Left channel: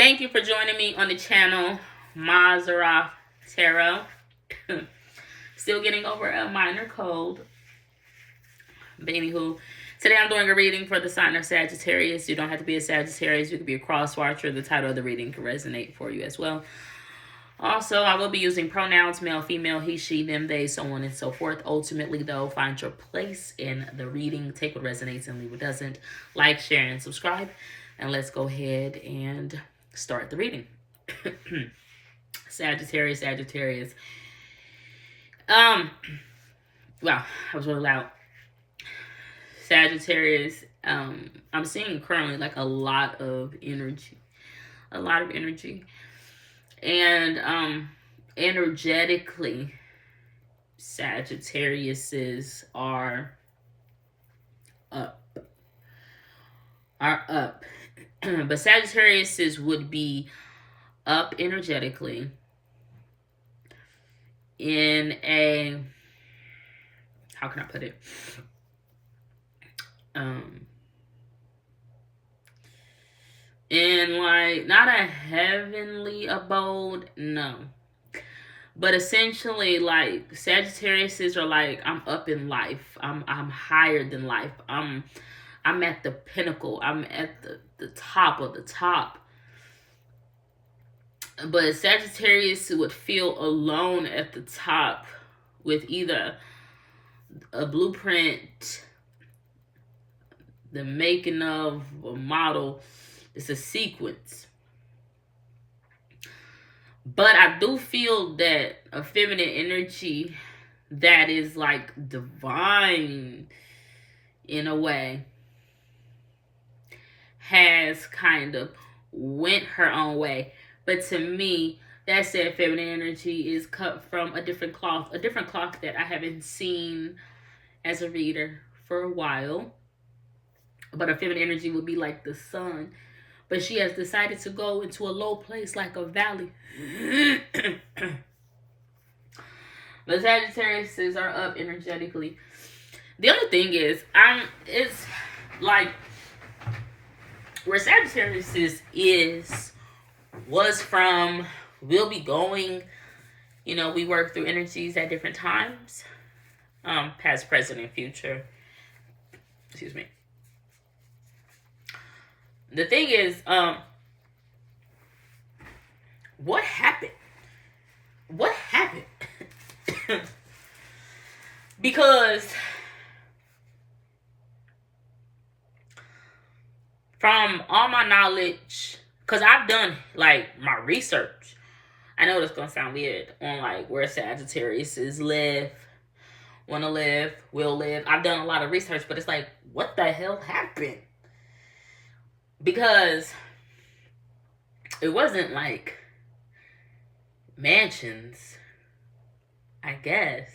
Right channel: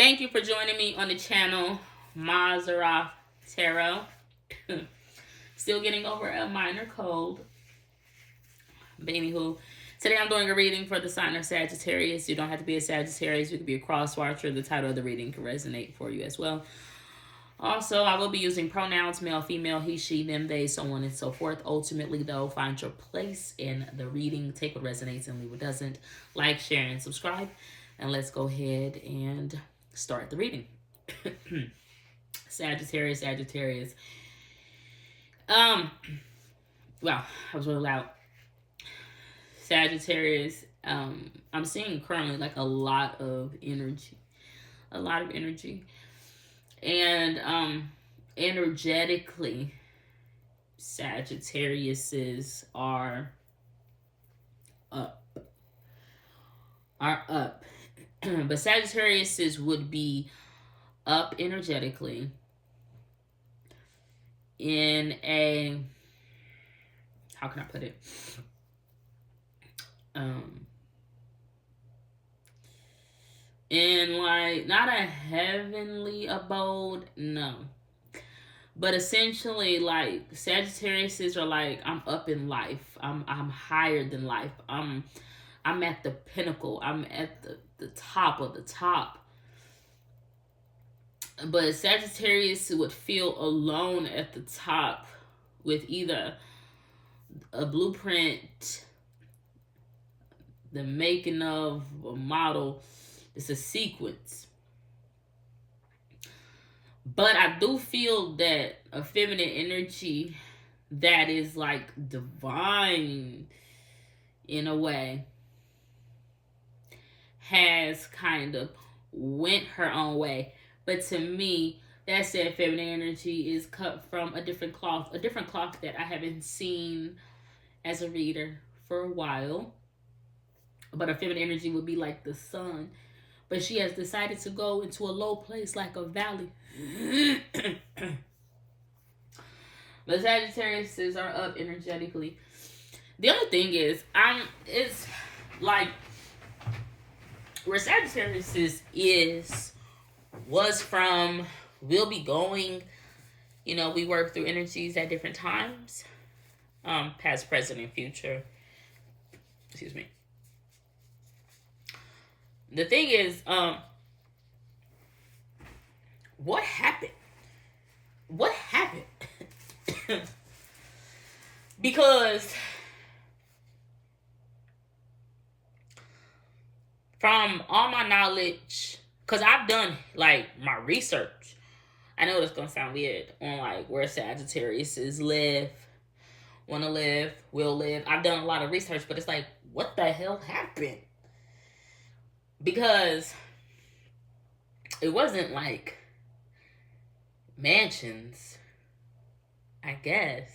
Thank you for joining me on the channel, Mazara Tarot. Still getting over a minor cold. But anywho, today I'm doing a reading for the sign of Sagittarius. You don't have to be a Sagittarius. You could be a cross watcher. The title of the reading can resonate for you as well. Also, I will be using pronouns, male, female, he, she, them, they, so on and so forth. Ultimately, though, find your place in the reading. Take what resonates and leave what doesn't. Like, share, and subscribe. And let's go ahead and start the reading. Sagittarius. Wow, I was really loud. Sagittarius, I'm seeing currently like a lot of energy. And energetically, Sagittariuses are up. But Sagittariuses would be up energetically in a, how can I put it? In like, not a heavenly abode, no. But essentially, like, Sagittariuses are like, I'm up in life. I'm higher than life. I'm at the pinnacle. I'm at the top of the top. But Sagittarius would feel alone at the top with either a blueprint, the making of a model. It's a sequence. But I do feel that a feminine energy that is like divine in a way has kind of went her own way. But to me, that said feminine energy is cut from a different cloth that I haven't seen as a reader for a while. But a feminine energy would be like the sun. But she has decided to go into a low place like a valley. But Sagittariuses are up energetically. The other thing is, it's like where Sagittarius was from, will be going. You know, we work through energies at different times. Past, present, and future. Excuse me. The thing is, what happened? What happened? Because from all my knowledge, because I've done like my research, I know it's gonna sound weird on like where Sagittariuses live, want to live, will live. I've done a lot of research, but it's like, what the hell happened? Because it wasn't like mansions, I guess.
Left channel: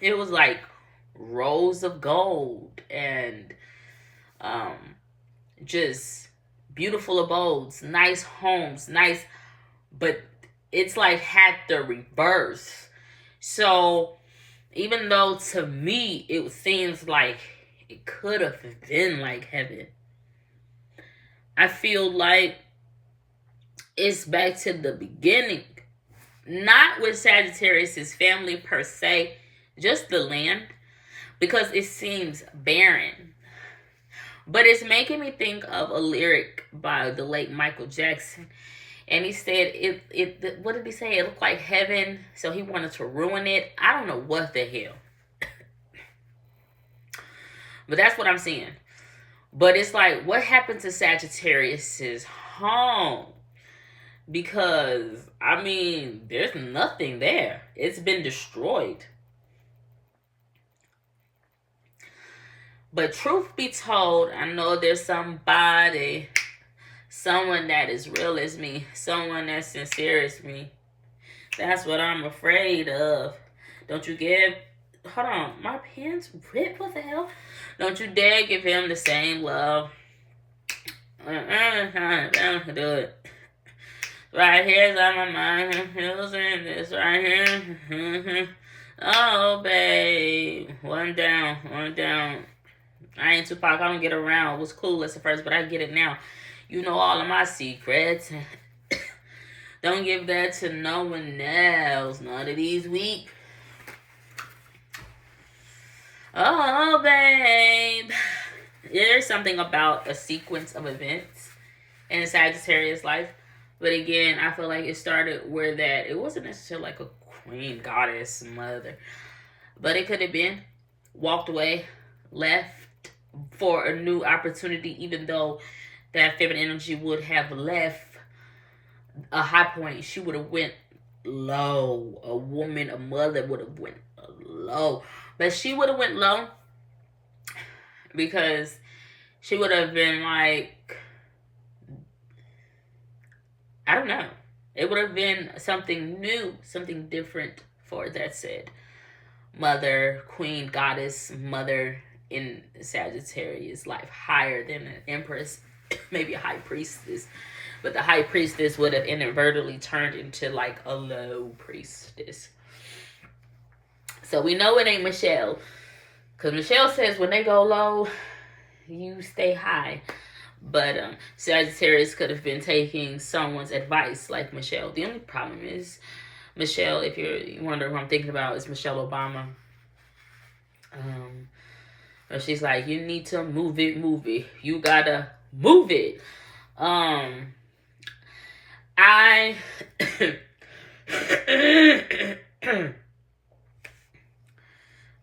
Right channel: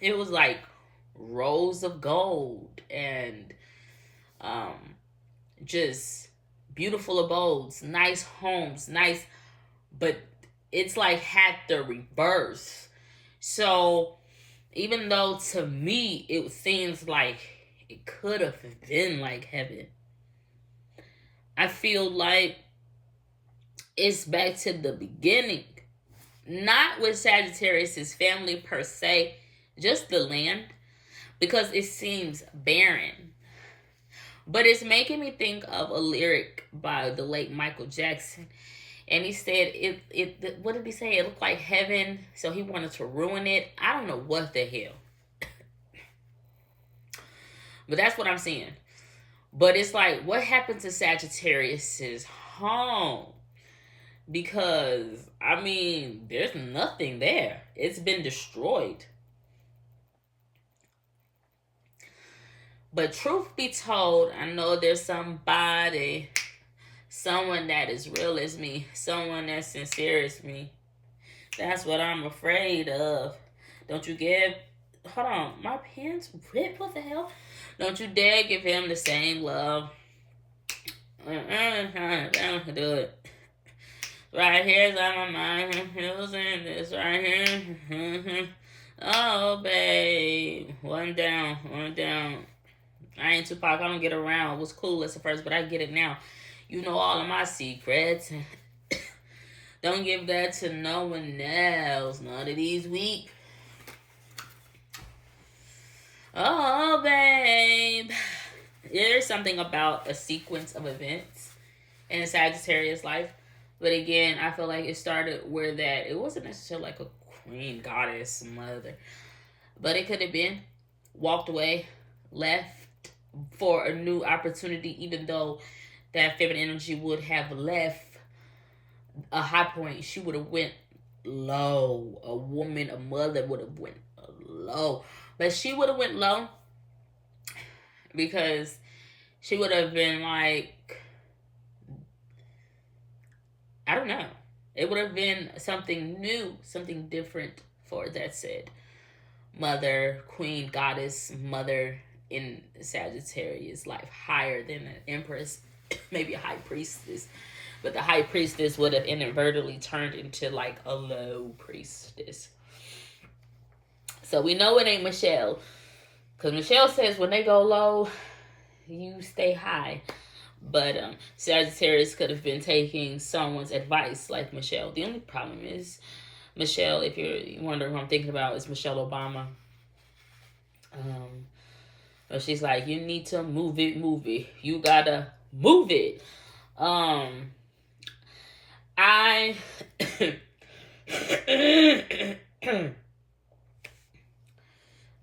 It was like rows of gold and just beautiful abodes, nice homes, nice, but it's like had the reverse. So even though to me it seems like it could have been like heaven, I feel like it's back to the beginning. Not with Sagittarius' family per se, just the land, because it seems barren. But it's making me think of a lyric by the late Michael Jackson. And he said, what did he say? It looked like heaven, so he wanted to ruin it. I don't know what the hell. But that's what I'm seeing. But it's like, what happened to Sagittarius' home? Because, I mean, there's nothing there. It's been destroyed. But truth be told, I know there's somebody, someone that is real as me, someone that's sincere as me. That's what I'm afraid of. Don't you hold on, my pen's ripped, what the hell? Don't you dare give him the same love. Don't do it. Right here's on my mind, losing this right here. Oh, babe, one down. I ain't Tupac, I don't get around. It was clueless at first, but I get it now. You know all of my secrets. Don't give that to no one else. None of these weak. Oh, babe. There's something about a sequence of events in Sagittarius life. But again, I feel like it started where that it wasn't necessarily like a queen, goddess, mother. But it could have been walked away, left for a new opportunity, even though that feminine energy would have left a high point. She would have went low. A woman, a mother would have went low. But she would have went low because she would have been like, I don't know. It would have been something new, something different for that said mother, queen, goddess, mother in Sagittarius life, higher than an empress, maybe a high priestess. But the high priestess would have inadvertently turned into like a low priestess. So we know it ain't Michelle. Because Michelle says when they go low, you stay high. But Sagittarius could have been taking someone's advice like Michelle. The only problem is Michelle, if you're wondering who I'm thinking about, is Michelle Obama. Or she's like, you need to move it. You gotta move it. I'm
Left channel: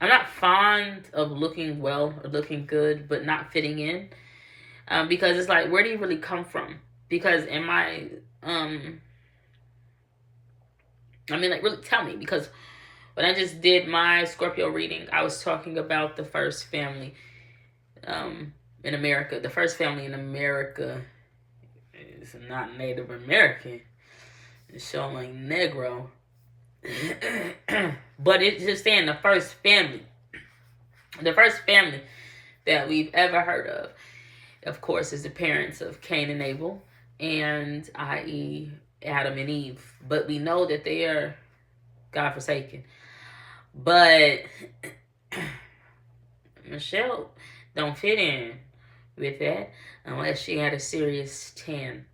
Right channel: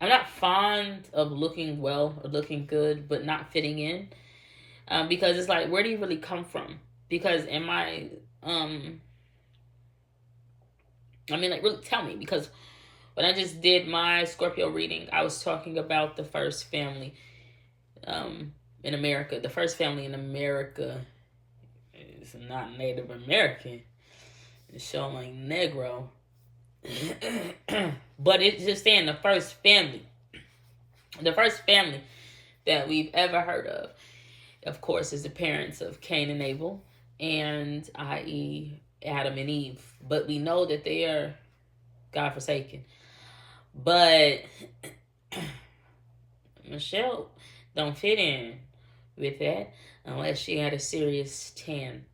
not fond of looking well or looking good, but not fitting in. Because it's like, where do you really come from? Because am I, like, really tell me. Because when I just did my Scorpio reading, I was talking about the first family in America. The first family in America is not Native American. It's showing Negro. But it's just saying the first family. The first family that we've ever heard of course, is the parents of Cain and Abel, and i.e. Adam and Eve. But we know that they are God-forsaken. But Michelle don't fit in with that unless she had a serious tan.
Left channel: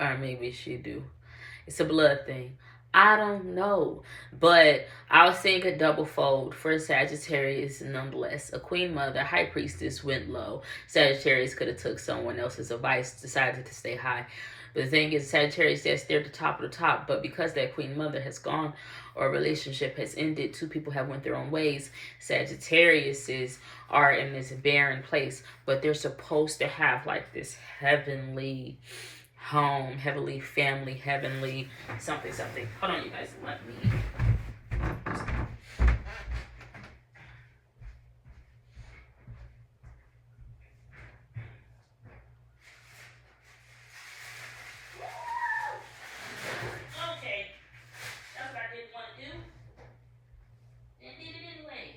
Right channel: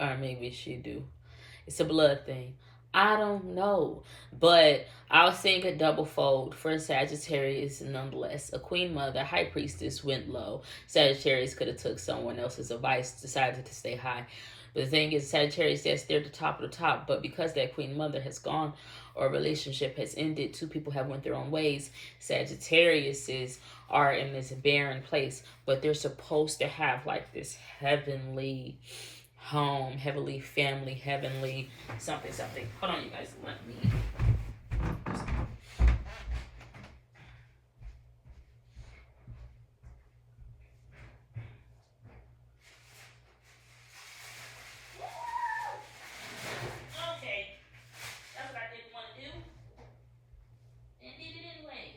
Or maybe she do. It's a blood thing. I don't know. But I'll sing a double fold for Sagittarius nonetheless. A queen mother, high priestess went low. Sagittarius could have took someone else's advice, decided to stay high. But the thing is, Sagittarius, yes, they're the top of the top. But because that queen mother has gone or a relationship has ended, two people have went their own ways. Sagittariuses are in this barren place. But they're supposed to have like this heavenly home, heavenly family, heavenly something. Hold on, you guys. Let me. Okay. That's what I didn't want to do. And did it anyway.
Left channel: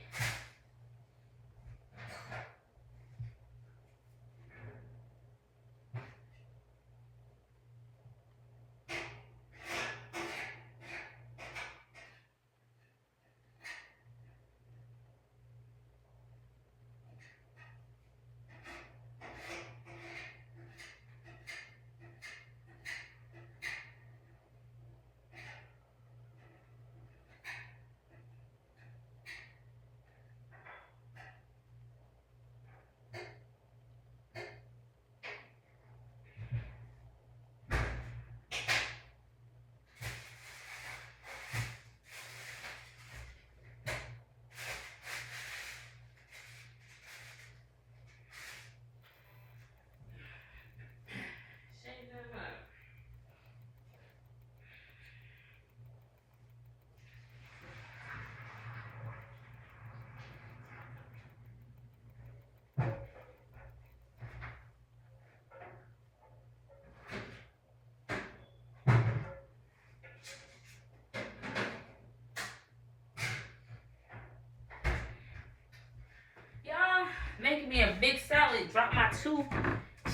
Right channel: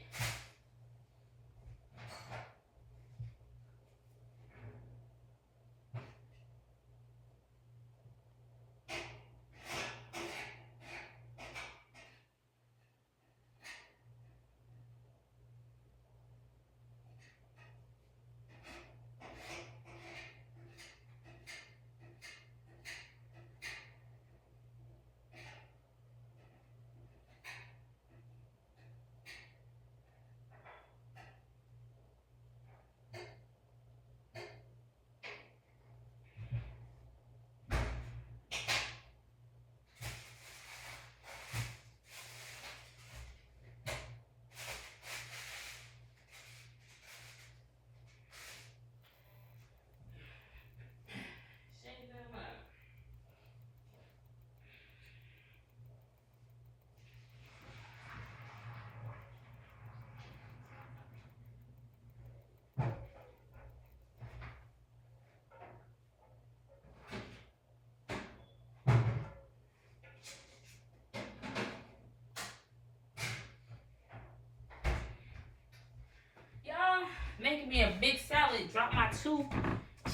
Making me a big salad. Drop my 2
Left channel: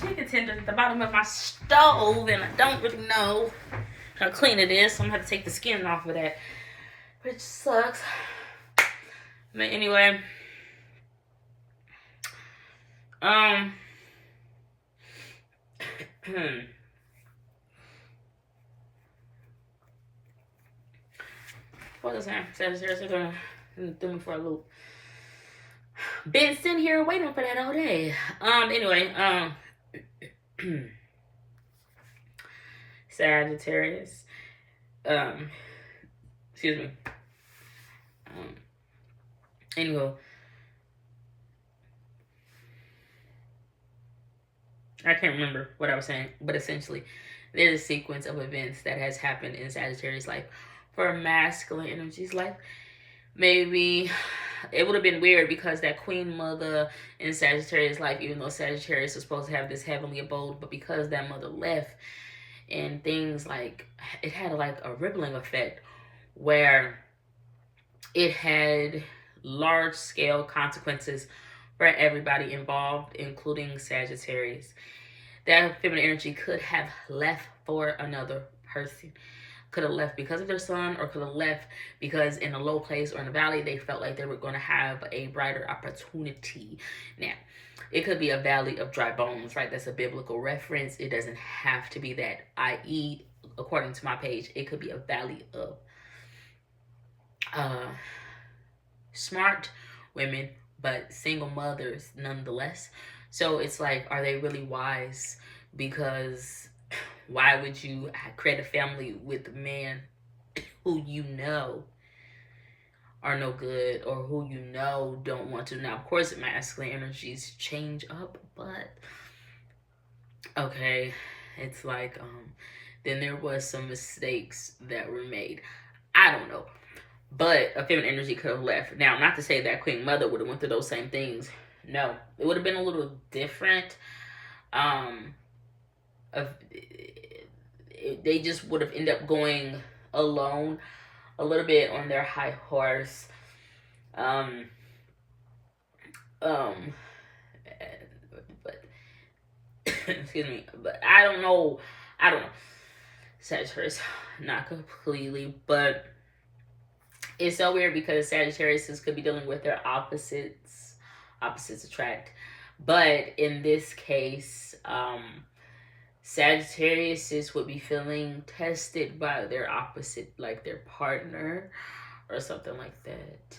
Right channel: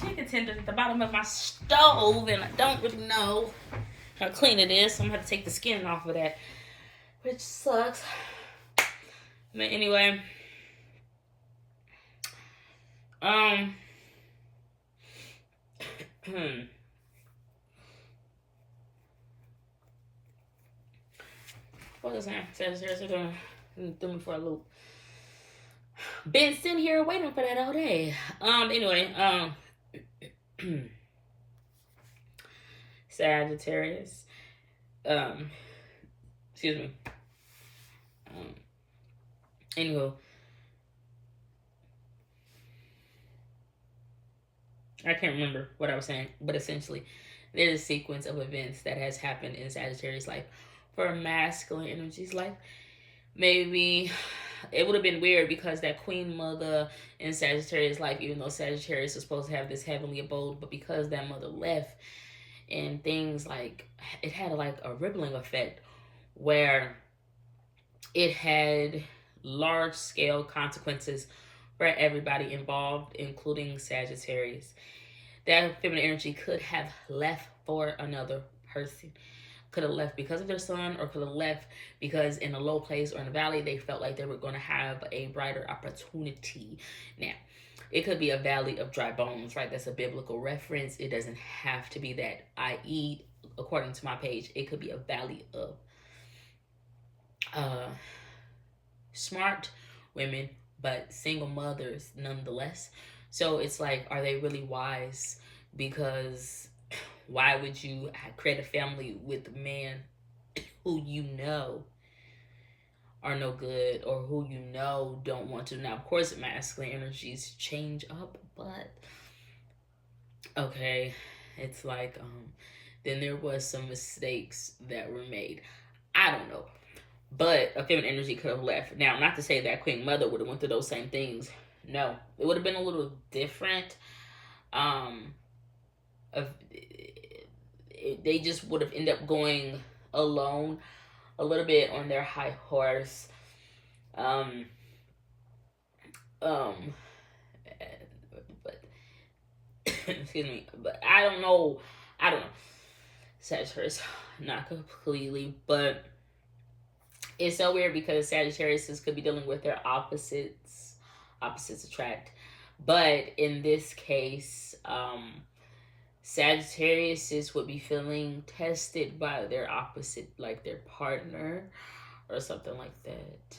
chicken tenders at the bottom of my stove, and I don't really know how clean it is, so I'm gonna have to take the skin off of that, which sucks. But anyway, What was that? Sagittarius threw me for a loop. Been sitting here waiting for that all day. Anyway, Sagittarius. Excuse me. Anyway, I can't remember what I was saying, but essentially, there's a sequence of events that has happened in Sagittarius' life. For masculine energy's life, maybe it would have been weird because that Queen Mother in Sagittarius' life, even though Sagittarius is supposed to have this heavenly abode, but because that mother left and things like, it had like a rippling effect where it had large scale consequences for everybody involved, including Sagittarius. That feminine energy could have left for another person. Could have left because of their son, or could have left because in a low place or in a valley they felt like they were going to have a brighter opportunity. Now, it could be a valley of dry bones, right? That's a biblical reference. It doesn't have to be that, i.e., according to my page, it could be a valley of smart women, but single mothers nonetheless. So it's like, are they really wise? Because why would you create a family with a man who you know are no good, or who you know don't want to? Now, of course, masculine energies change up, but okay, it's like, then there was some mistakes that were made. I don't know. But a feminine energy could have left. Now, not to say that Queen Mother would have went through those same things. No, it would have been a little different. They just would have ended up going alone a little bit on their high horse. But excuse me, but I don't know. Sagittarius, not completely, but it's so weird because Sagittarius could be dealing with their opposites. Opposites attract. But in this case, Sagittarius would be feeling tested by their opposite, like their partner or something like that.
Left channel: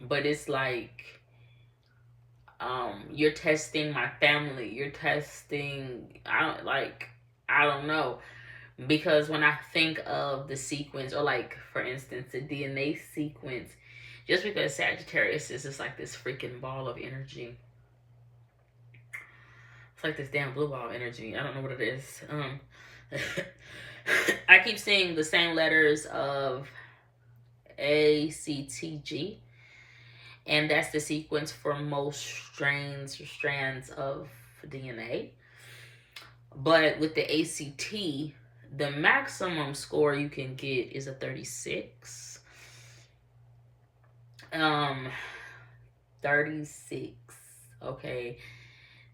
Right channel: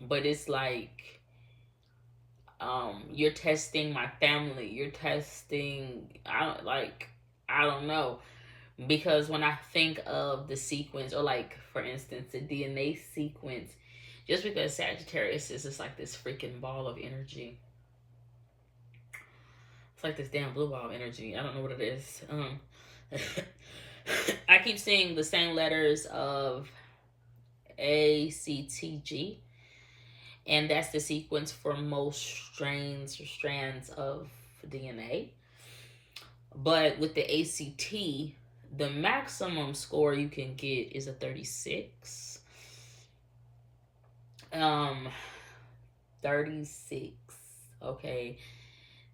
But it's like, you're testing my family. You're testing, I don't know. Because when I think of the sequence, or like, for instance, the DNA sequence, just because Sagittarius is just like this freaking ball of energy. It's like this damn blue ball of energy. I don't know what it is. I keep seeing the same letters of ACTG. And that's the sequence for most strands of DNA. But with the ACT, the maximum score you can get is a 36. 36. Okay.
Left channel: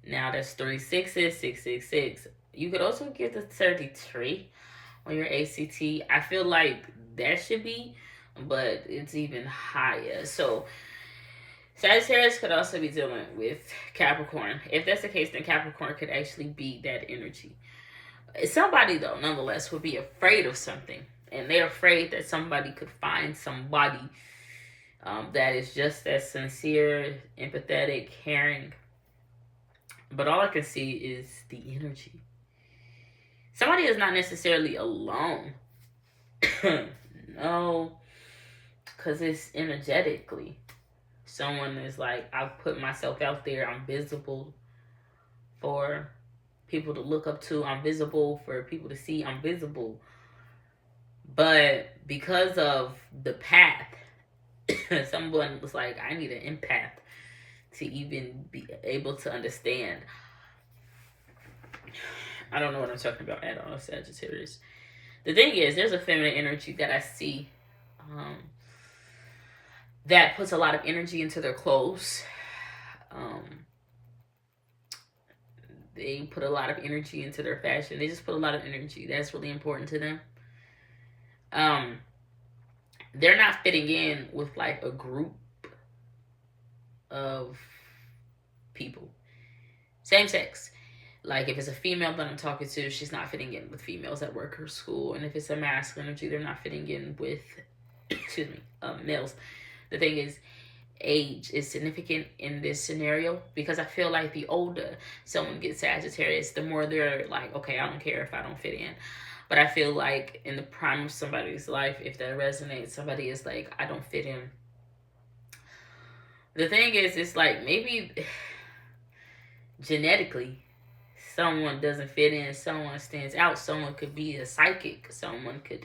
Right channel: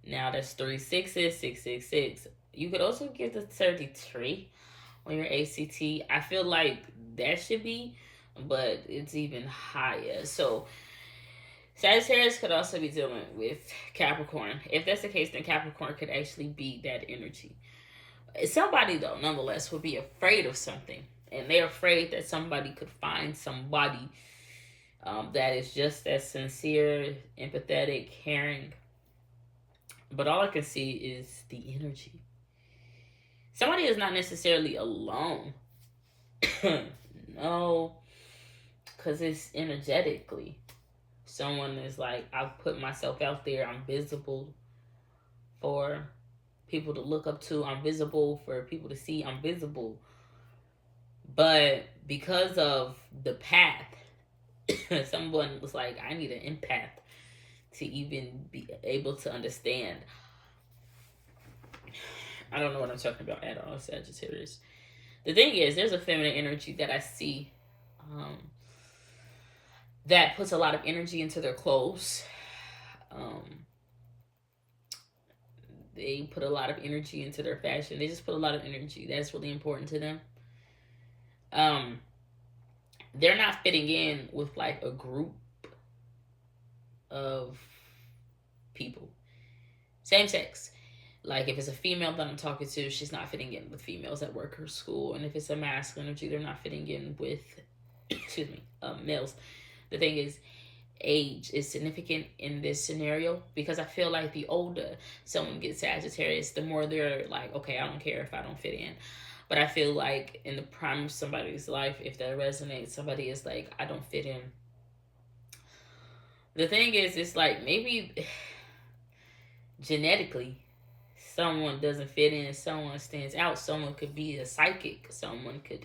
Now that's 3 6s, 666. You could also get the 33 on your ACT. I feel like that should be, but it's even higher. So Sagittarius could also be dealing with Capricorn. If that's the case, then Capricorn could actually be that energy. Somebody, though, nonetheless, would be afraid of something. And they're afraid that somebody could find somebody that is just as sincere, empathetic, caring. But all I can see is the energy. Somebody is not necessarily alone. No. Because it's energetically. Someone is like, I've put myself out there. I'm visible for people to look up to. I'm visible for people to see. I'm visible. But because of the path, someone was like, I need an empath to even be able to understand. I don't know what I'm talking about at all, Sagittarius. The thing is, there's a feminine energy that I see that puts a lot of energy into their clothes. They put a lot of energy into their fashion. They just put a lot of energy. That's really important to them. They're not fitting in with like a group of people. Same sex. Like if it's a female that I'm talking to, she's not fitting in with females at work or school. And if it's a masculine energy, they're not fitting in with, excuse me, males. The thing is, age is significant in this scenario because I feel like the older someone gets Sagittarius, the more they're like, okay, I don't care if I don't fit in. But I feel like in the prime of somebody's life, if that resonates, somebody is like, I don't fit in. The thing is, it's like maybe genetically someone doesn't fit in, someone stands out, someone could be a psychic, someone could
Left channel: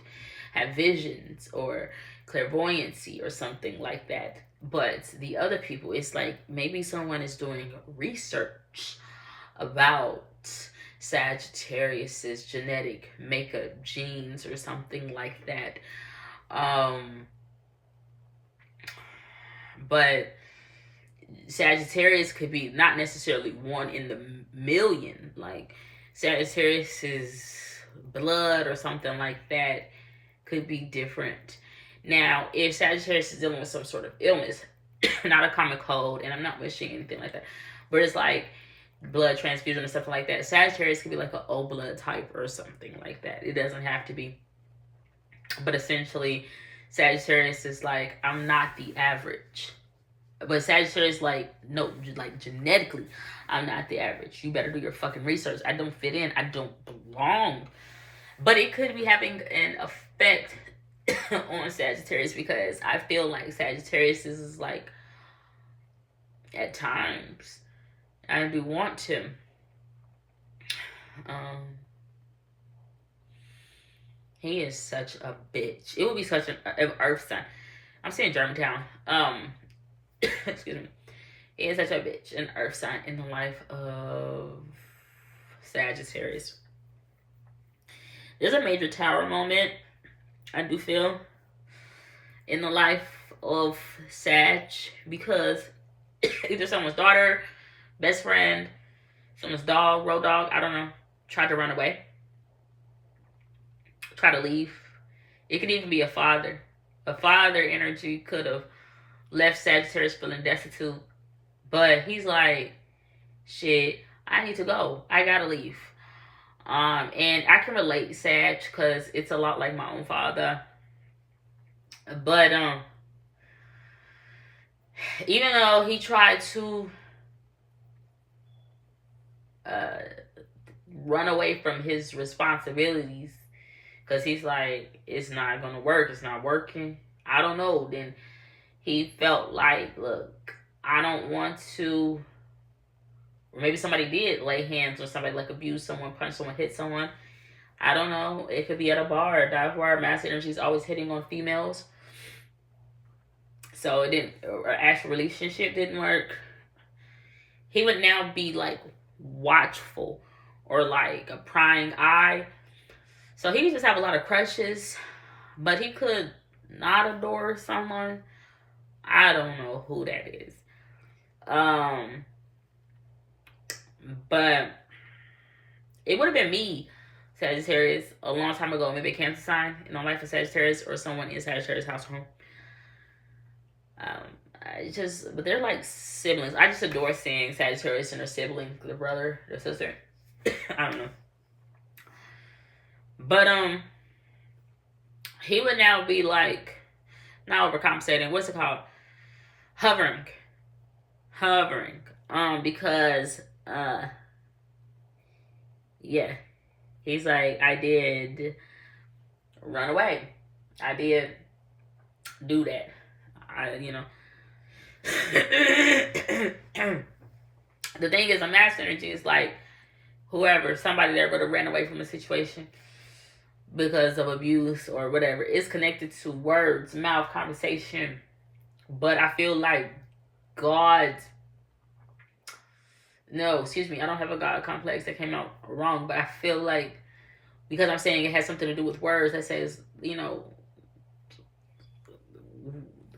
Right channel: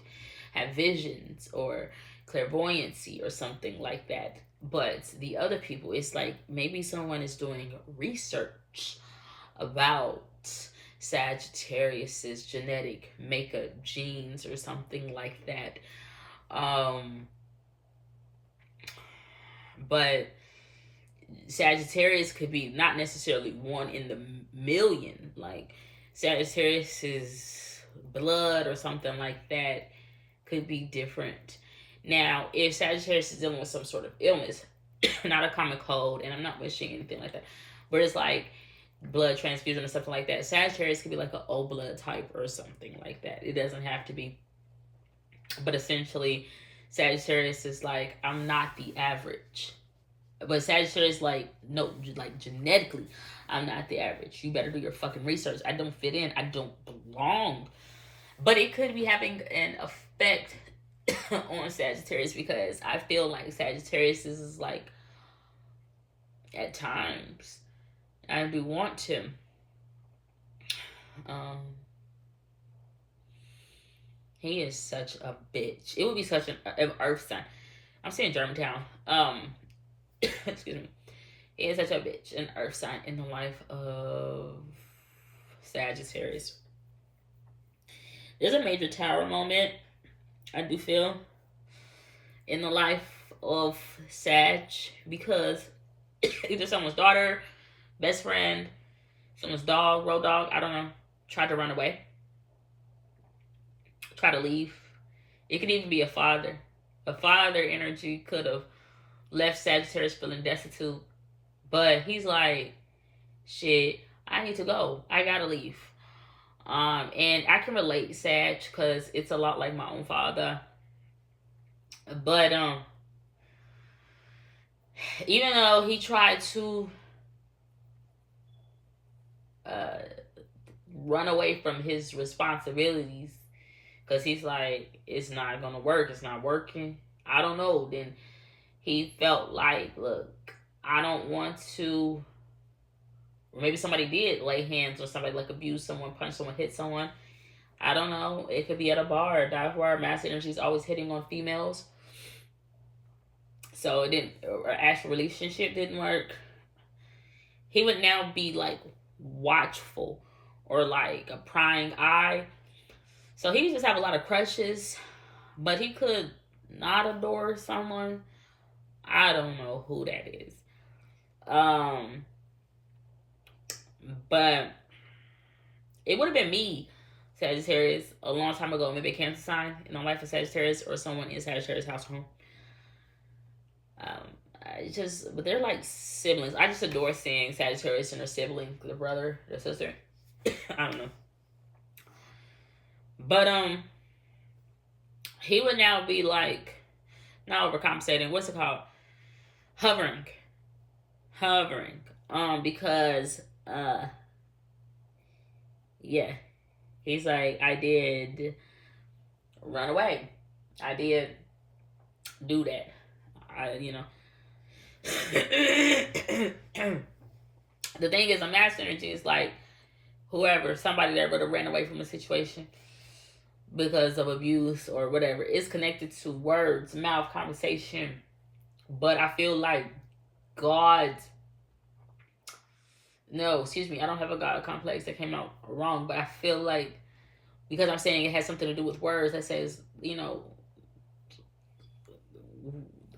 have visions or clairvoyancy or something like that. But the other people, it's like maybe someone is doing research about Sagittarius's genetic makeup, genes, or something like that. But Sagittarius could be not necessarily one in the million. Like Sagittarius's blood or something like that could be different. Now, if Sagittarius is dealing with some sort of illness, not a common cold, and I'm not wishing anything like that, but it's like blood transfusion or something like that, Sagittarius could be like an O blood type or something like that. It doesn't have to be. But essentially, Sagittarius is like, I'm not the average. But Sagittarius, like, no, like genetically, I'm not the average. You better do your fucking research. I don't fit in. I don't belong. But it could be having an effect on Sagittarius because I feel like Sagittarius is like, at times, I do want to. He is such a bitch. It would be such an earth sign. I'm saying Germantown. Excuse me. He is such a bitch, an earth sign in the life of Sagittarius. There's a major tower moment, I do feel, in the life of Sag because either someone's daughter, best friend, someone's dog, road dog, I don't know, tried to run away, try to leave. It could even be a father. A father energy could have left Sagittarius feeling destitute, but he's like, shit, I need to go. I gotta leave. And I can relate, Sag, because it's a lot like my own father. But even though he tried to run away from his responsibilities, because he's like, it's not gonna work, it's not working, I don't know, then he felt like, look, I don't want to, or maybe somebody did lay hands on somebody, like abuse someone, punch someone, hit someone. I don't know. It could be at a bar. A dive bar. Mass energy is always hitting on females. So it didn't, or actual relationship didn't work. He would now be like watchful or like a prying eye. So he just have a lot of crushes, but he could not adore someone. I don't know who that is. But it would have been me, Sagittarius, a long time ago. Maybe a Cancer sign in my life of Sagittarius or someone in Sagittarius household. But they're like siblings. I just adore seeing Sagittarius and their sibling, their brother, their sister. I don't know. But he would now be like, not overcompensating. What's it called? Hovering. Because yeah, he's like, I did run away. I did do that. The thing is, a mass energy is like whoever, somebody that would have ran away from a situation because of abuse or whatever. It's connected to words, mouth, conversation. But I feel like I don't have a God complex, that came out wrong, but I feel like because I'm saying it has something to do with words, that says,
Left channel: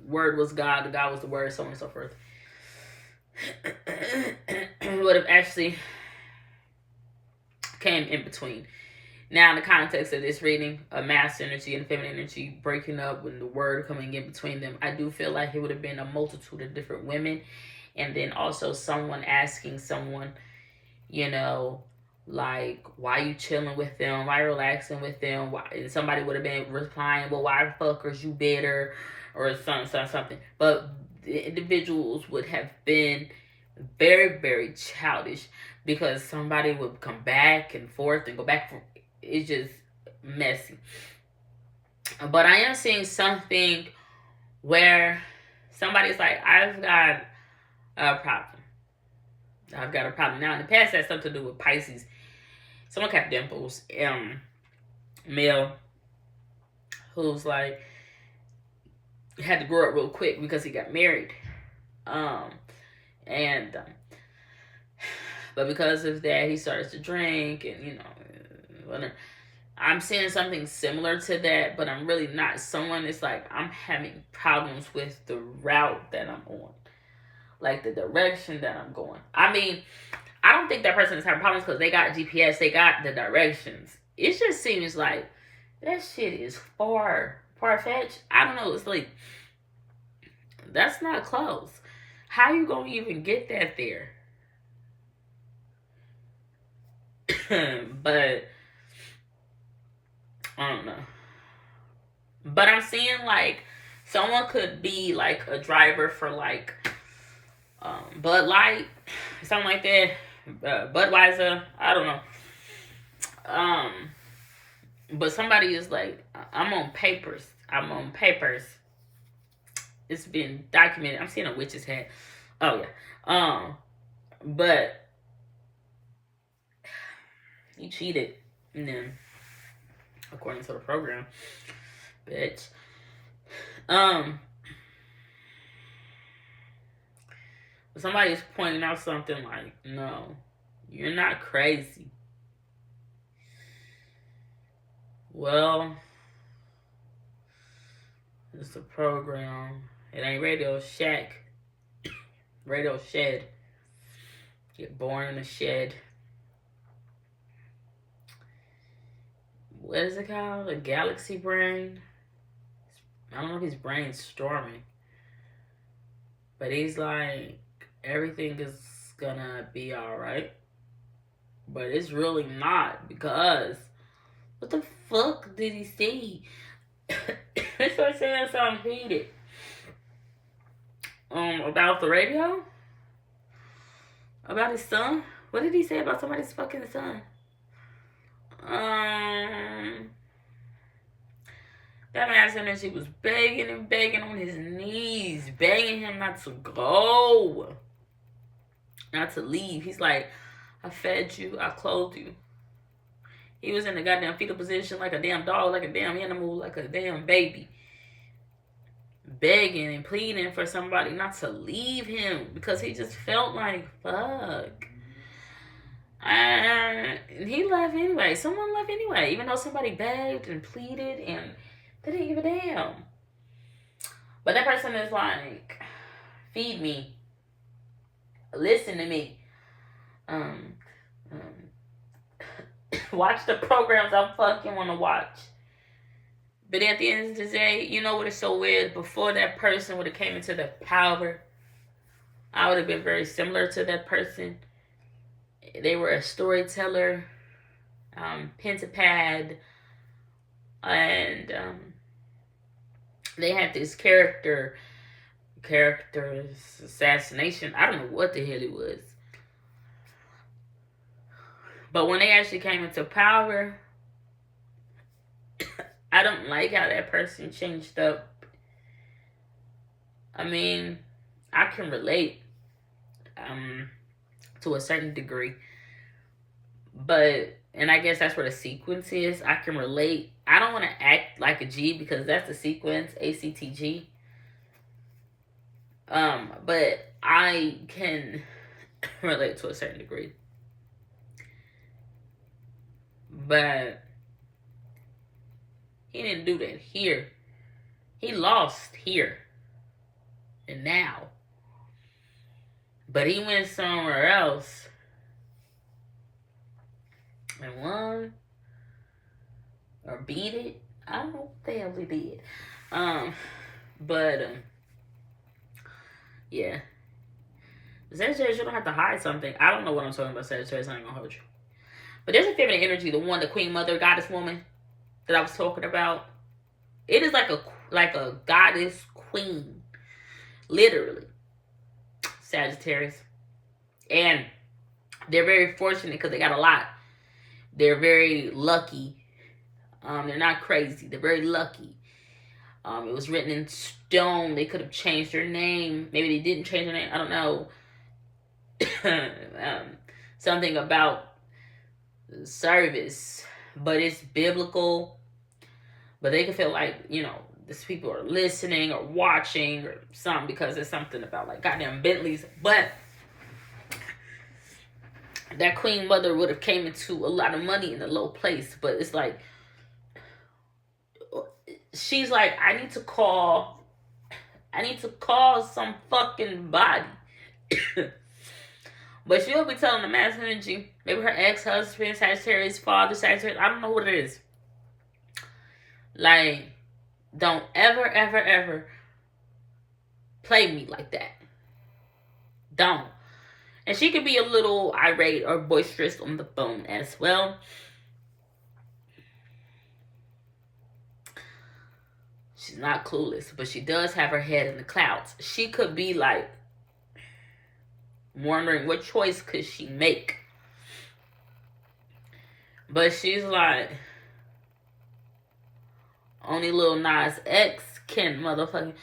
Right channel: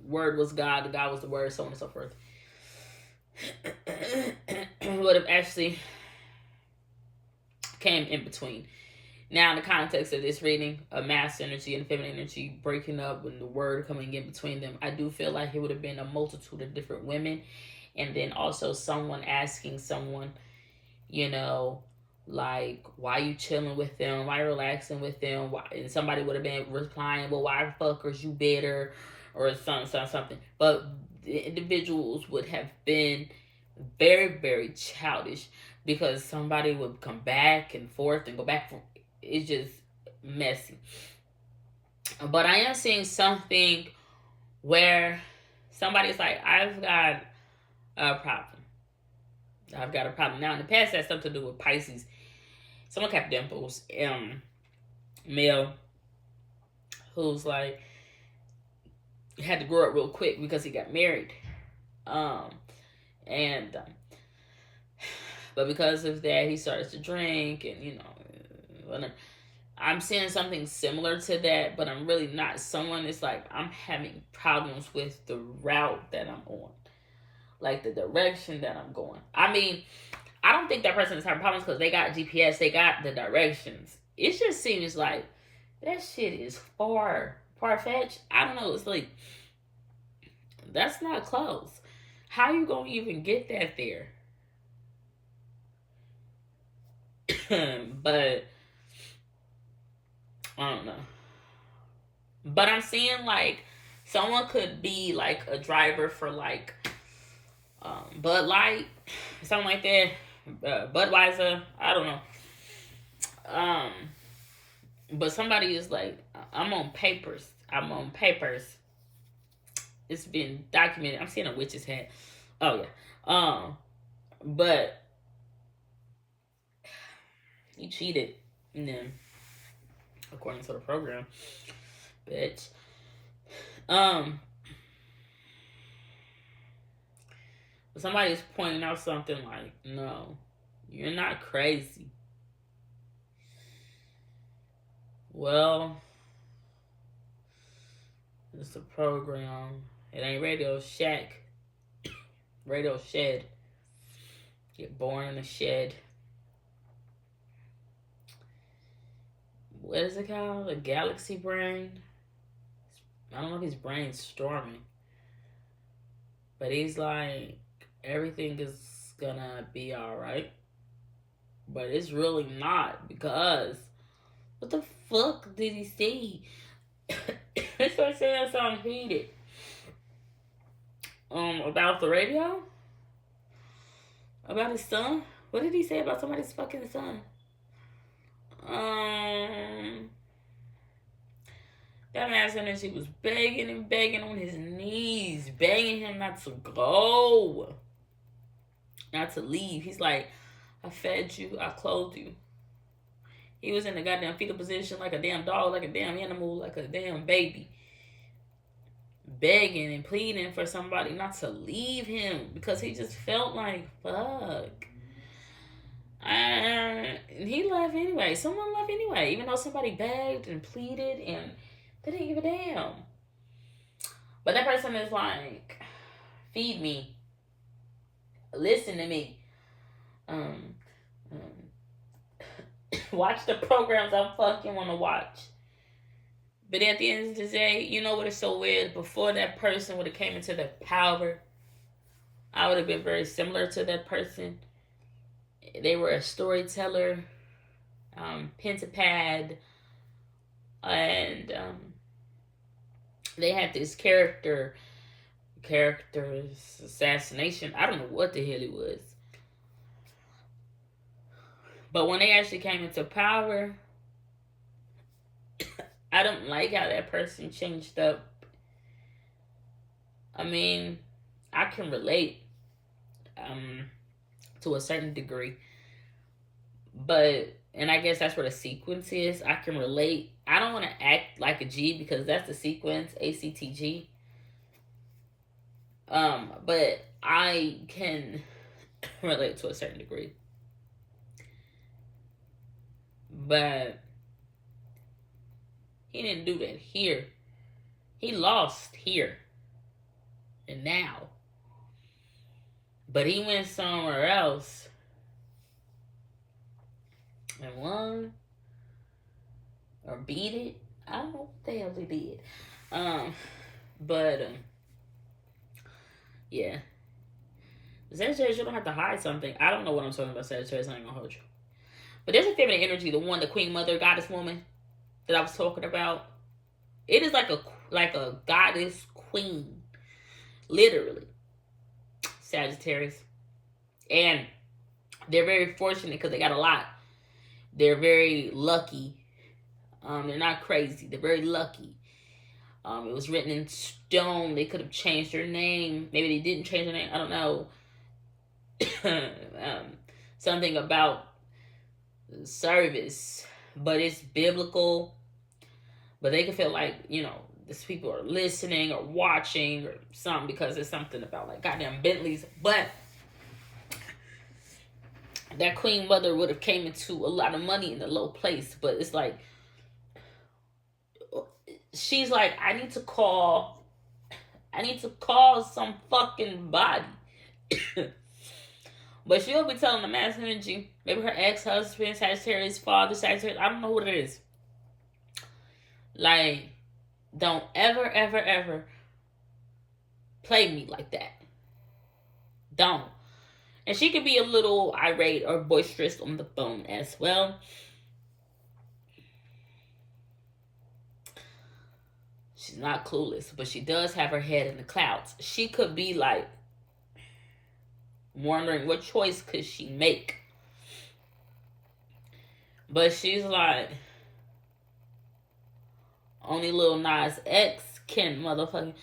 word was God, God was the word, so on and so forth. Would have actually came in between. Now, in the context of this reading, a mass energy and feminine energy breaking up and the word coming in between them, I do feel like it would have been a multitude of different women. And then also someone asking someone, Like, why you chilling with them? Why you relaxing with them? Why? And somebody would have been replying, well, why the fuckers you bitter? Or something. But the individuals would have been very, very childish because somebody would come back and forth and go back. It's just messy. But I am seeing something where somebody's like, I've got a problem. I've got a problem. Now, in the past, that's something to do with Pisces. Someone kept dimples. Male who's like, had to grow up real quick because he got married. And but because of that, he starts to drink, and you know, I'm seeing something similar to that, but I'm really not. Someone is like, I'm having problems with the route that I'm on, like the direction that I'm going. I mean, I don't think that person is having problems because they got GPS, they got the directions. It just seems like that shit is far-fetched. I don't know. It's like, that's not close. How you gonna even get that there? But I don't know. But I'm seeing like someone could be like a driver for like Bud Light, something like that. Budweiser, I don't know. But somebody is like, I'm on papers. It's been documented. I'm seeing a witch's hat. Oh yeah. But he cheated. And then, according to the program, bitch. Somebody's pointing out something like, no, you're not crazy. Well, it's a program. It ain't Radio Shack. Radio Shed. Get born in a shed. What is it called? A galaxy brain? I don't know if his brain's storming. But he's like, everything is gonna be alright. But it's really not, because what the fuck did he see? He started saying something heated. About the radio? About his son? What did he say about somebody's fucking son? That man said that she was begging and begging on his knees, begging him not to go, not to leave. He's like, I fed you, I clothed you. He was in the goddamn fetal position like a damn dog, like a damn animal, like a damn baby, begging and pleading for somebody not to leave him because he just felt like, fuck. And he left anyway. Someone left anyway, even though somebody begged and pleaded and they didn't give a damn. But that person is like, feed me, listen to me, watch the programs I fucking want to watch. But at the end of the day, you know what is so weird? Before that person would have came into the power, I would have been very similar to that person. They were a storyteller, pentapad, and they had this character's assassination. I don't know what the hell it was. But when they actually came into power, I don't like how that person changed up. I mean, I can relate to a certain degree. But, and I guess that's where the sequence is. I can relate. I don't want to act like a G because that's the sequence, ACTG. But I can relate to a certain degree. But he didn't do that here. He lost here and now. But he went somewhere else and won or beat it. I don't know what the hell he did. Yeah. Sagittarius, you don't have to hide something. I don't know what I'm talking about, Sagittarius. I ain't gonna hold you. But there's a feminine energy, the queen mother goddess woman that I was talking about. It is like a goddess queen, literally, Sagittarius. And they're very fortunate because they got a lot. They're very lucky. They're not crazy. They're very lucky. It was written in stone. They could have changed their name. Maybe they didn't change their name. I don't know. Something about service, but it's biblical. But they can feel like, these people are listening or watching or something, because there's something about like goddamn Bentleys. But that queen mother would have came into a lot of money in a low place. But it's like, she's like, I need to call some fucking body. But she'll be telling the masculine energy, maybe her ex-husband, Sagittarius, father, Sagittarius, I don't know what it is. Like, don't ever, ever, ever play me like that. Don't. And she could be a little irate or boisterous on the phone as well. She's not clueless, but she does have her head in the clouds. She could be like wondering what choice could she make. But she's like, only Lil Nas X can motherfucking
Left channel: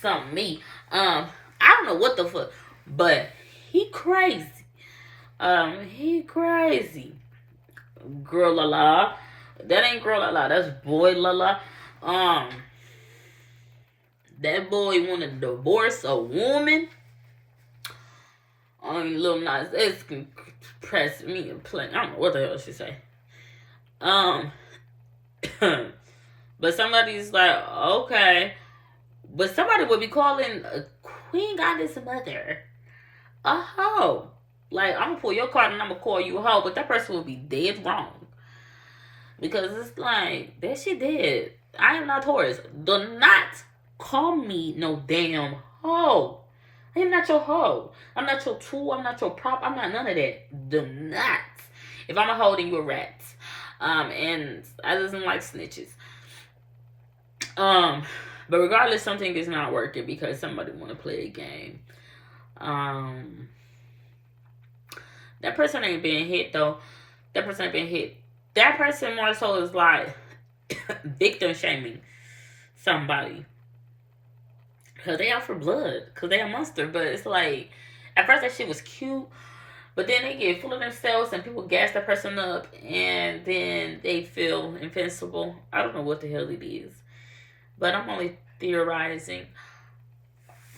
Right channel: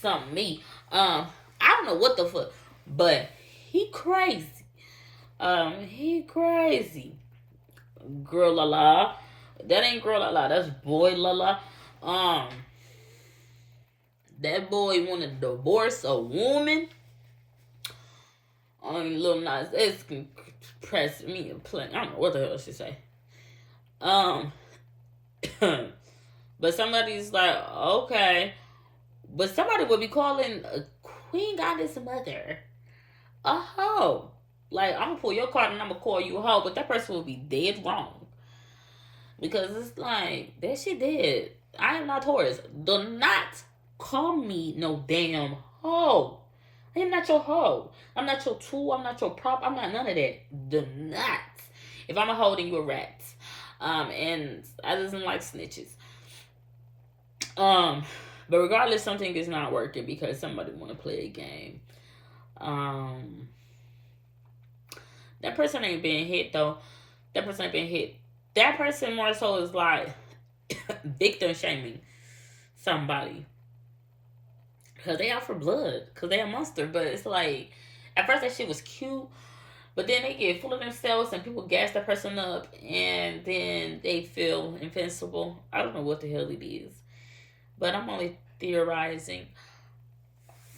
something me. I don't know what the fuck, but he crazy. He crazy. Girl la la. That ain't girl la la. That's boy la la. That boy want to divorce a woman. Lil Nas X can press me and play. I don't know what the hell she say. But somebody's like, okay. But somebody would be calling a queen goddess mother a hoe. Like, I'm gonna pull your card and I'm gonna call you a hoe, but that person would be dead wrong. Because it's like, that shit dead. I am not Taurus. Do not call me no damn hoe. I am not your hoe. I'm not your tool. I'm not your prop. I'm not none of that. Do not. If I'm a hoe, then you a rat. And I doesn't like snitches. But regardless, something is not working because somebody want to play a game. That person ain't being hit though. That person ain't being hit. That person more so is like victim shaming somebody. Because they out for blood. Because they a monster. But it's like, at first that shit was cute. But then they get full of themselves and people gas that person up. And then they feel invincible. I don't know what the hell it is. But I'm only theorizing.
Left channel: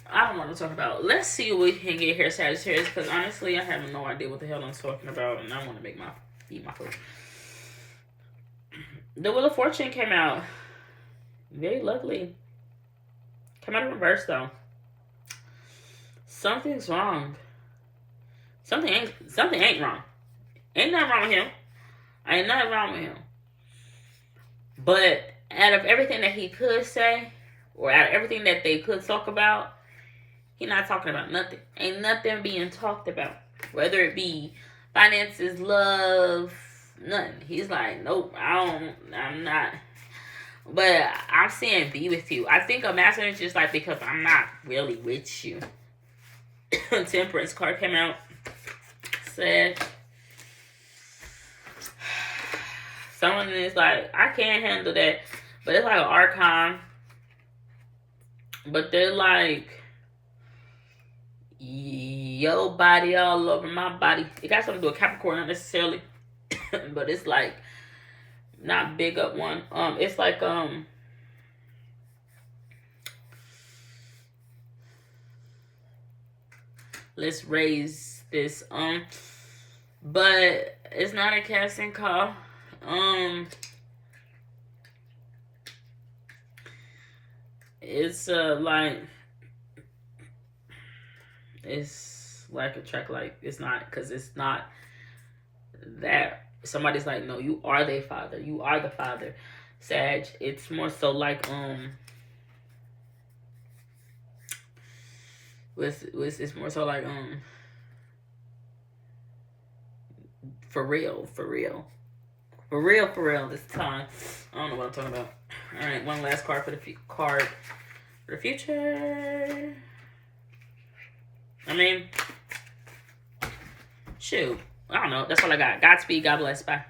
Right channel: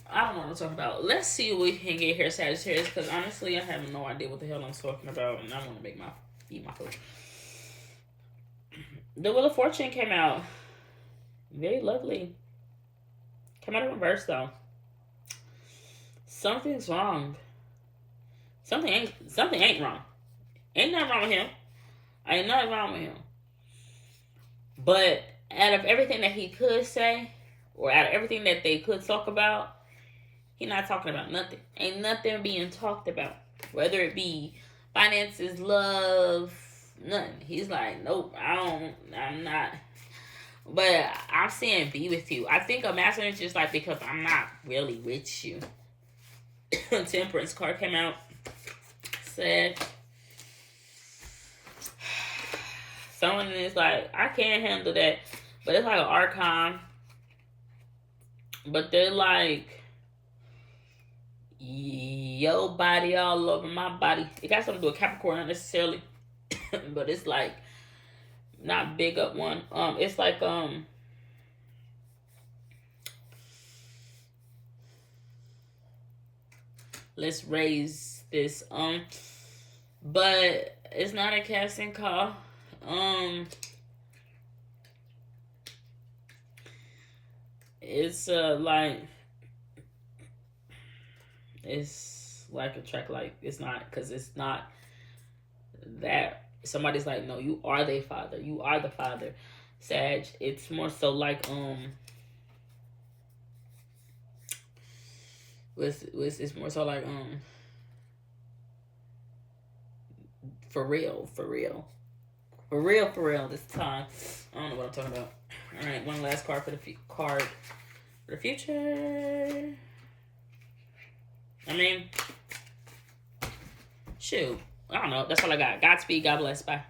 I don't want to talk about. Let's see what we can get here, Sagittarius. Because honestly, I have no idea what the hell I'm talking about. And I want to eat my food. The Wheel of Fortune came out. Very lovely. Come out in reverse though. Something's wrong. Something ain't wrong. Ain't nothing wrong with him. Ain't nothing wrong with him. But out of everything that he could say, or out of everything that they could talk about, he's not talking about nothing. Ain't nothing being talked about. Whether it be finances, love, nothing. He's like, nope, I'm not. But I'm saying be with you. I think a master is just like, because I'm not really with you. Temperance card came out. Said someone is like, I can't handle that. But it's like an archon. But they're like, your body all over my body. It got something to do with Capricorn, not necessarily. But it's like, not big up one. It's like, let's raise this. But it's not a casting call. It's like, it's like a track, like, it's not, because it's not that. Somebody's like, no, you are their father. You are the father, Sag. It's more so like, it's more so like, For real, for real. For real this time. I don't know what I'm talking about. All right, one last card for the future. I mean, shoot. I don't know. That's all I got. Godspeed. God bless. Bye.